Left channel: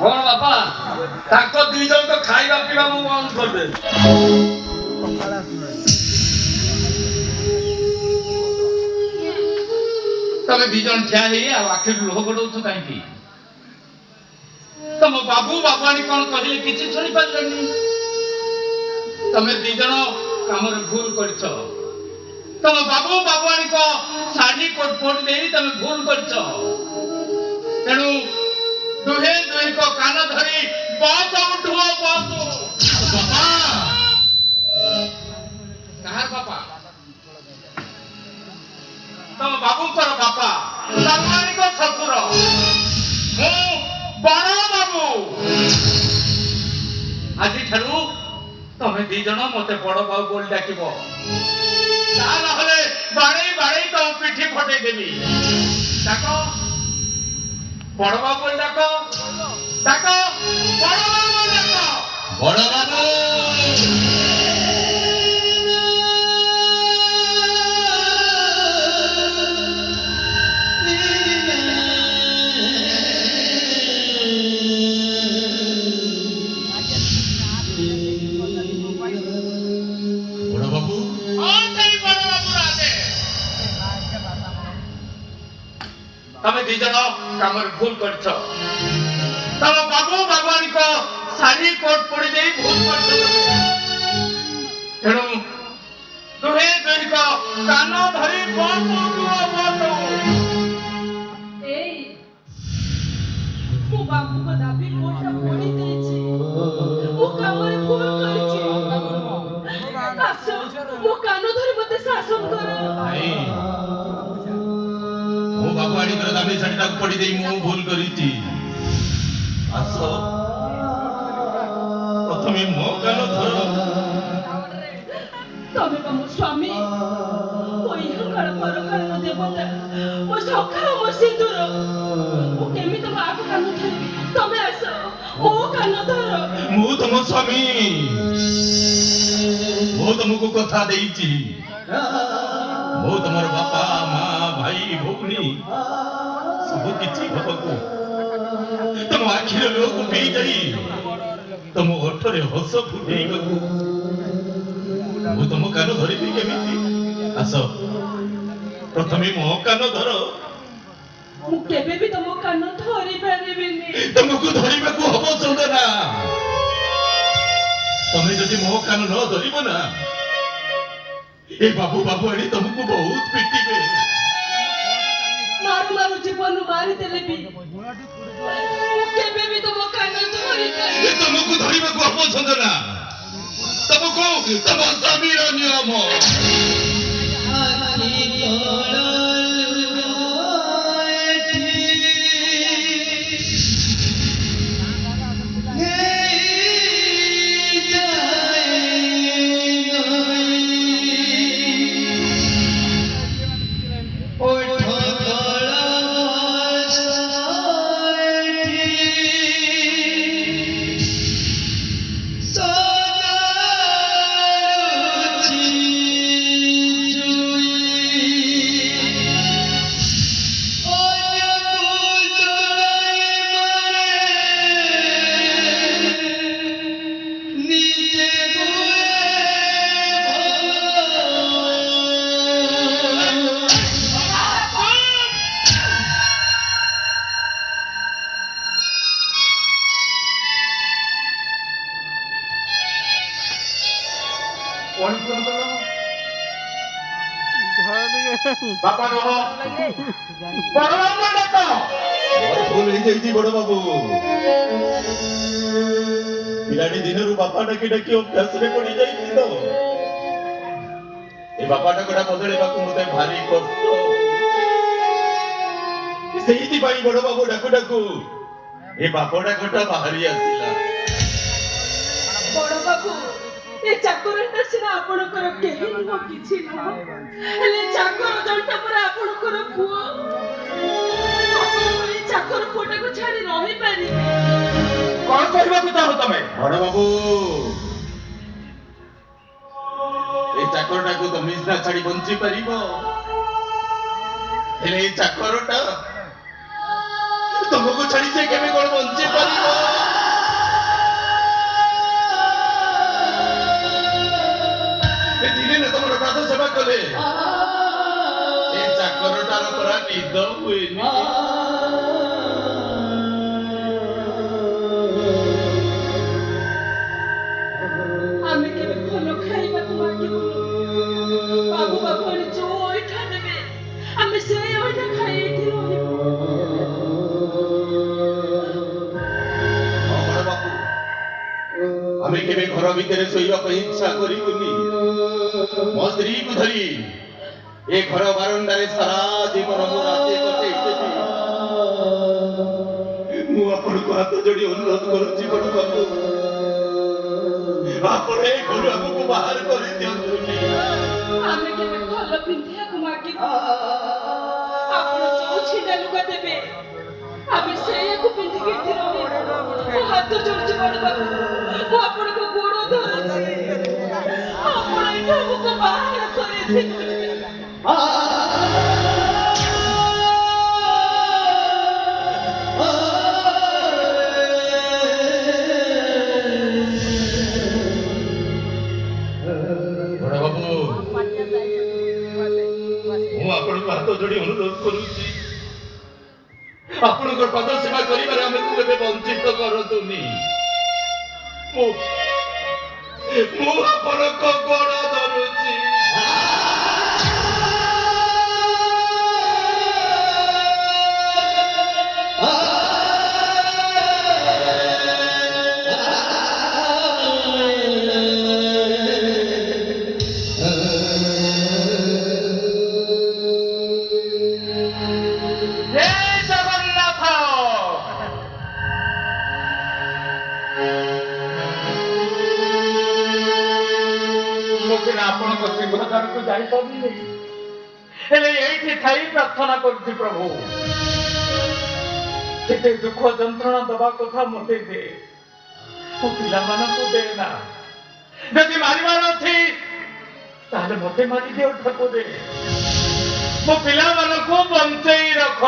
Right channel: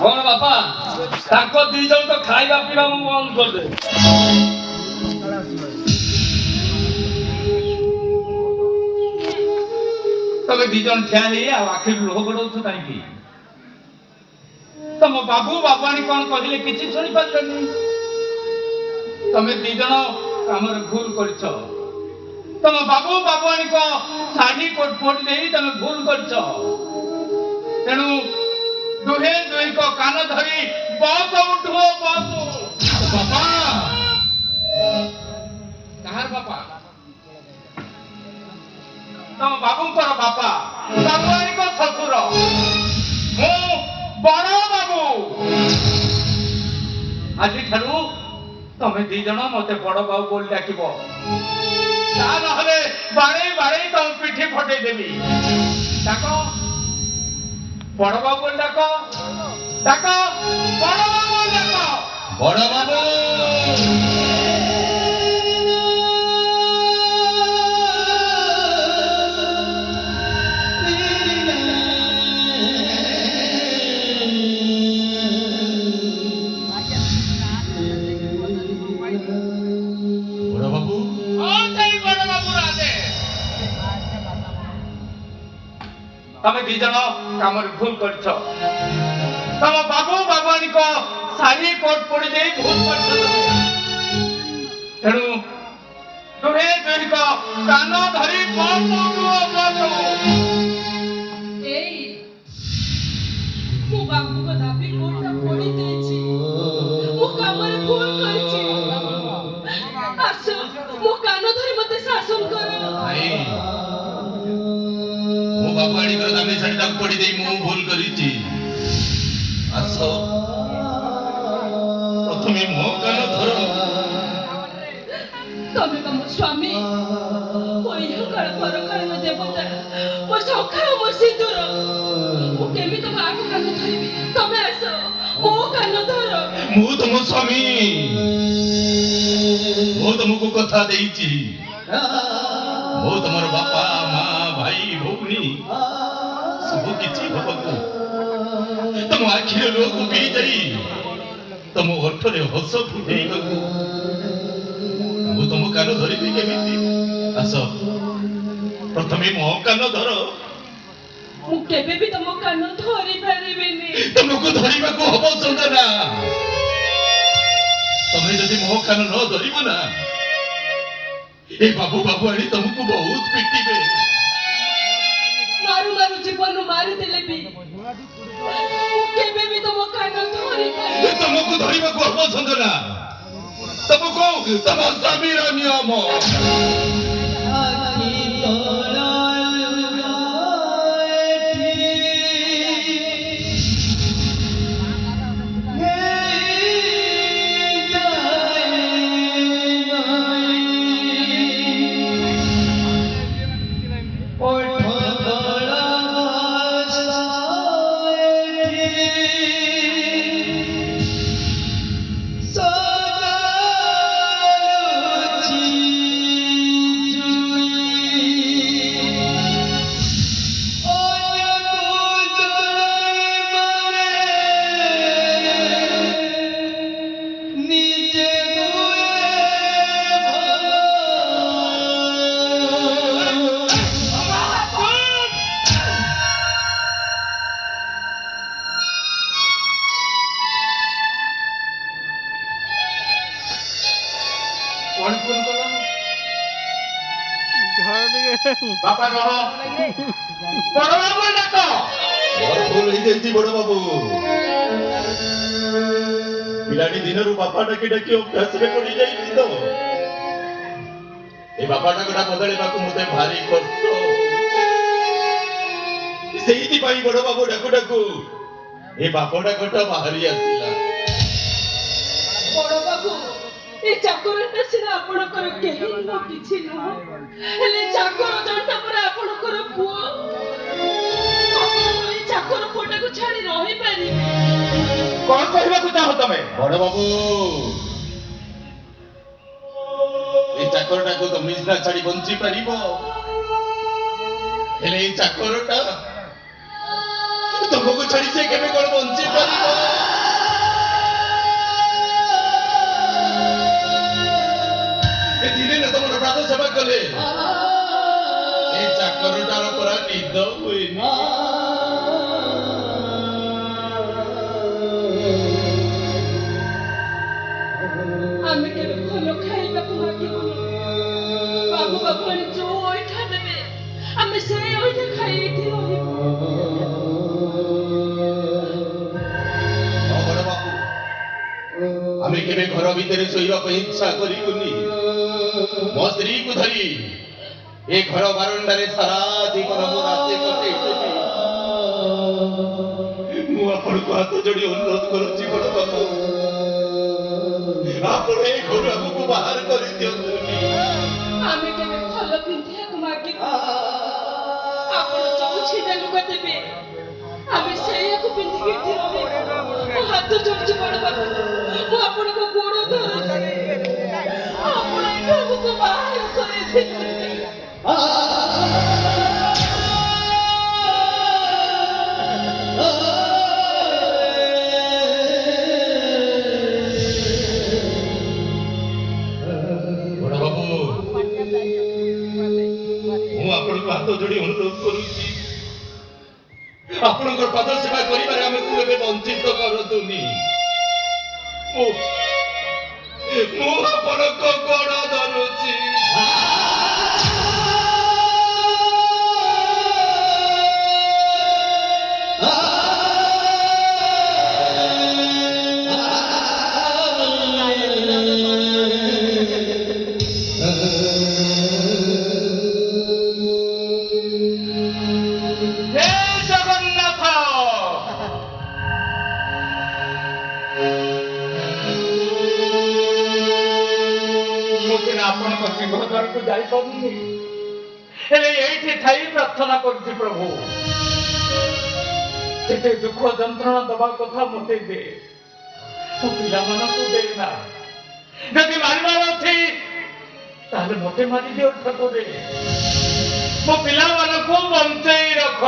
କଣ ବାପା ତାଙ୍କ ଦୁଇ ଜଣ ତ ଖାଇବା ପିଇବା ମୁଁ ବନ୍ଦ କରିଦେବି। ତମେ ଦି ଜଣ ଠିଆ ହେଇ ଆଉ ଆଖିରୁ ଲୁହ ଗଡଉଛ କାହିଁକି? ତମ ବାବୁ ବାବୁଆଣୀ କଣ କହିଲେ କିଛି ଶୁଣିପାରିଲନି? ତମେ ଦି ଜଣ କାମରେ ଭୁଲ କରିଛ। ତମ ବାବୁ ବାବୁଆଣୀଙ୍କ ଶାଢୀ ପୋଡ଼ି ଦେଇ ତମେ ଭୁଲ କରିଛ। ତେଣୁ ଦୁହେଁ ଦୁହିଁଙ୍କ କାନ ଧରି ବସ ଉଠୁଅ ବସ। ବାପା କାହାର ବାପା? ତମ ବାବୁଙ୍କର ବାପା, ବାବୁଆଣୀଙ୍କ ଶ୍ୱଶୁର। ମୁଁ ବଡ ବାବୁ। ଆଜିଠାରୁ ତମେ ଦି ଜଣ ମତେ ବଡ ବାବୁ ବୋଲି ଡାକିବ। ତା ନହେଲେ ବାଡେଇ ବାଡେଇ ତମ ପିଠି ଫଟେଇ ଦେବି। ଡାକ ବଡ ବାବୁ ବୋଲି ଡାକ। ଡାକ ବଡ ବାବୁ ବୋଲି ଡାକ। ବଡ ବାବୁ। ତମେ ଦି ଜଣ କାମରେ ଭୁଲ କରିଛ। ତମ ବାବୁ ବାବୁଆଣୀଙ୍କ ଶାଢୀ କୋଟ ପୋଡ଼ି ଦେଇ ଭୁଲ କରିଛ। ତେଣୁ ଦୁହେଁ ଦୁହିଁଙ୍କ କାନ ଧରି ବସ ଉଠୁଅ ବସ। ଏଇ ମୋ ବାବୁଙ୍କ ଦାବି କୋର୍ଟଟା ପୋଡ଼ି ଦେଇଛି। ମୁଁ କାମରେ ଭୁଲ କରିଛି। ଆସ ମୋ କାନ ଧରି ମତେ ଶାସନ କର। ମୋ ବାବୁଆଣୀଙ୍କର ଦାବି ଶାଢୀଟାକୁ ପୋଡ଼ି ଦେଇ ମୁଁ ଭୁଲ କରିଛି। ଆସ ପ୍ରଥମେ ମୋ କାନ ଧର। ତମେ ବା ମୋ ସ୍ୱାମୀ, ମୋ ଇହକାଳ ପରକାଳର ଦେବତା, ମୋ ସଖା ମୋ ସିନ୍ଦୁର। ମୁଁ କେମିତି ତମ ଆଗ କାନ ଧରିବି? ତମେ ଆସ ମୋ କାନ ଧର। ମୁଁ ତମ ସ୍ୱାମୀ। ମୁଁ ତମକୁ କଥା ଦେଇଛି। ମୁଁ ତମର ବାପା ମା ଭାଇ ଭଉଣୀ ସବୁ କିଛି ହବାକୁ। ତମ ଆଖିର ଲୁହକୁ ପିଇ ଯାଇ ତମ ଓଠରେ ହସ ଫୁଟେଇବାକୁ ମୁଁ ତମ କାନ ଧରିବି କେମିତି? ଆସ ପ୍ରଥମେ ମୋ କାନ ଧର। ମୁଁ କେବେ ବି ତମ କାନ ଧରି ପାରିବିନି। ତମକୁ ଧରିବାକୁ ହବ ସନ୍ଦନା। ତମେ ଯଦି ମୋ କାନ ନ ଧରିବ ନା, ଏ ବାବୁ ବାବୁଆଣୀ ତମକୁ ବହୁତ ପିଟିବେ। ମାରୁ ମାରୁ ଜୀବନ ମାରିଦେଲେ ବି ମୁଁ କେବେ ବି ତମ କାନ ଧରି ପାରିବିନି। ତମକୁ ଧରିବାକୁ ହବ ସନ୍ଦନା। ତମକୁ ତମ ସ୍ୱାମୀର ନିୟମ। ବାପା ରହ। ବଡ ବାବୁ ଡାକ। ଭୁଲ ହେଇଯାଇଛି ବଡ ବାବୁ। ପିଲାଟି ଦିନରୁ ବାପା ଡାକି ଡାକି ଅଭ୍ୟାସରେ ପଡି ଯାଇଛି ତ। ଏ ବାପା ଡାକଟା ବଦଳିବାକୁ ମତେ ଭାରି କଷ୍ଟ। ସେଇଥିପାଇଁ ବଡ ବାବୁ ଡାକୁ ଡାକୁ ଏ ବାପ ଡାକଟା ବାହାରି ଆସିଲା। ବଡ ବାବୁ, ଏ ଚାକରଟା ସିନା ଆପଣଙ୍କର କେହି ନୁହଁ, କିଛି ନୁହଁ, ହେଲେ ଚାକର ଜଣଟା ପରା ଆପଣଙ୍କର ପୁଅ। ଆପଣ ଏଇ ଚାକର ପୁଅଟାକୁ ଛାଡି ରହିପାରିବେ? କଣ କହିବାକୁ ଚାହଁ ତମେ? ବଡ ବାବୁ, এই চাকরটাকে তো মিজনা ছাড়ি বঞ্চি পারিব, ହେଲେ এই ଚାକରଟା ତମ ତମକୁ ଛାଡି ସେ କେବେ କଣ ବଞ୍ଚି ପାରିବ? ଏ ଦିନେ ନା ତମର ପ୍ରାତ ସେବା କଲେ ଏ ଚାକରଟାର ପରା ନିଦ ହୁଏନି। ଆମେ କେବେ ଭଲ ଖାଇବାକୁ ମାଗିବୁନି। ବାବୁ ବାବୁଆଣୀ ଯୋଉ ଅଇଠା ଦେବେ ଆମେ ସେଇ ଅଇଠା ଖାଇ ଏଇଠି ରହିବୁ। ହଁ ବଡ଼ ବାପୁ, ଆମେ କେବେ ଘର ଭିତରେ ଶୋଇବା ପାଇଁ ଇଚ୍ଛା କରିବୁନି। ମୋ ସ୍ତ୍ରୀକୁ ଧରି ଏ ଘର ବାରଣ୍ଡାରେ ସାରା ଜୀବନ ମୁଁ ରାତି କଟେଇଦେବି। ମୁଁ ଆପଣଙ୍କୁ ହାତ ଯୋଡ଼ି ଅନୁରୋଧ କରୁଛି ବଡ଼ ବାପୁ, ଆପଣ ଏ ଘରୁ ଆମକୁ ବାହାର କରିଦିଅନ୍ତୁନି। ଆମେ କେବେ ଭଲ ପିନ୍ଧିବାକୁ ମାଗିବୁ। ଆପଣ ଯୋଉ ଛିଡ଼ା ଲୁଗା ଦେବେ ଆମେ ସେଇଆକୁ ପିନ୍ଧିକି ଏଠି ରହିବୁ। ମୋ ହାତ ଯୋଡୁଛି ବଡ଼ ବାବୁ, ମୁଁ ଆପଣଙ୍କ ଗୋଡ଼ ଧରୁଛି। ଆପଣ ଏଠୁ ଆମକୁ ବାହାର କରିଦେବେ। ବଡ଼ ବାବୁ, ମୁଁ ଆପଣଙ୍କୁ ହାତ ଯୋଡ଼ି ଅନୁରୋଧ କରୁଛି, ଆପଣଙ୍କର ପାଦ ସେବା କରିବାରେ ଆମକୁ କେବେ ବଞ୍ଚିତ କରନ୍ତୁନି। ମୁଁ ଆପଣଙ୍କ ଗୋଡ଼ ଧରୁଛି। ଜୟ ଜଗନ୍ନାଥ। ମୁଁ ସିନା ଆପଣଙ୍କ ସିଂହଦ୍ୱାରକୁ ଯାଇପାରୁନି, ହେଲେ ଏଇଠି ଥାଇ ପ୍ରାର୍ଥନା କରୁଛି ପ୍ରଭୁ, କେତେ ଦୁଃଖ ଯନ୍ତ୍ରଣା ଦବା କଥା ମତେ ଦେ, ମୋ ପିଲାମାନଙ୍କୁ ଦେନା। ଯଦି ମାରିବାର ଅଛି ତାହେଲେ ମତେ ମାରିଦିଅ ଠାକୁରେ, ମୋ ପିଲାମାନଙ୍କୁ ବଞ୍ଚେଇ ରଖ।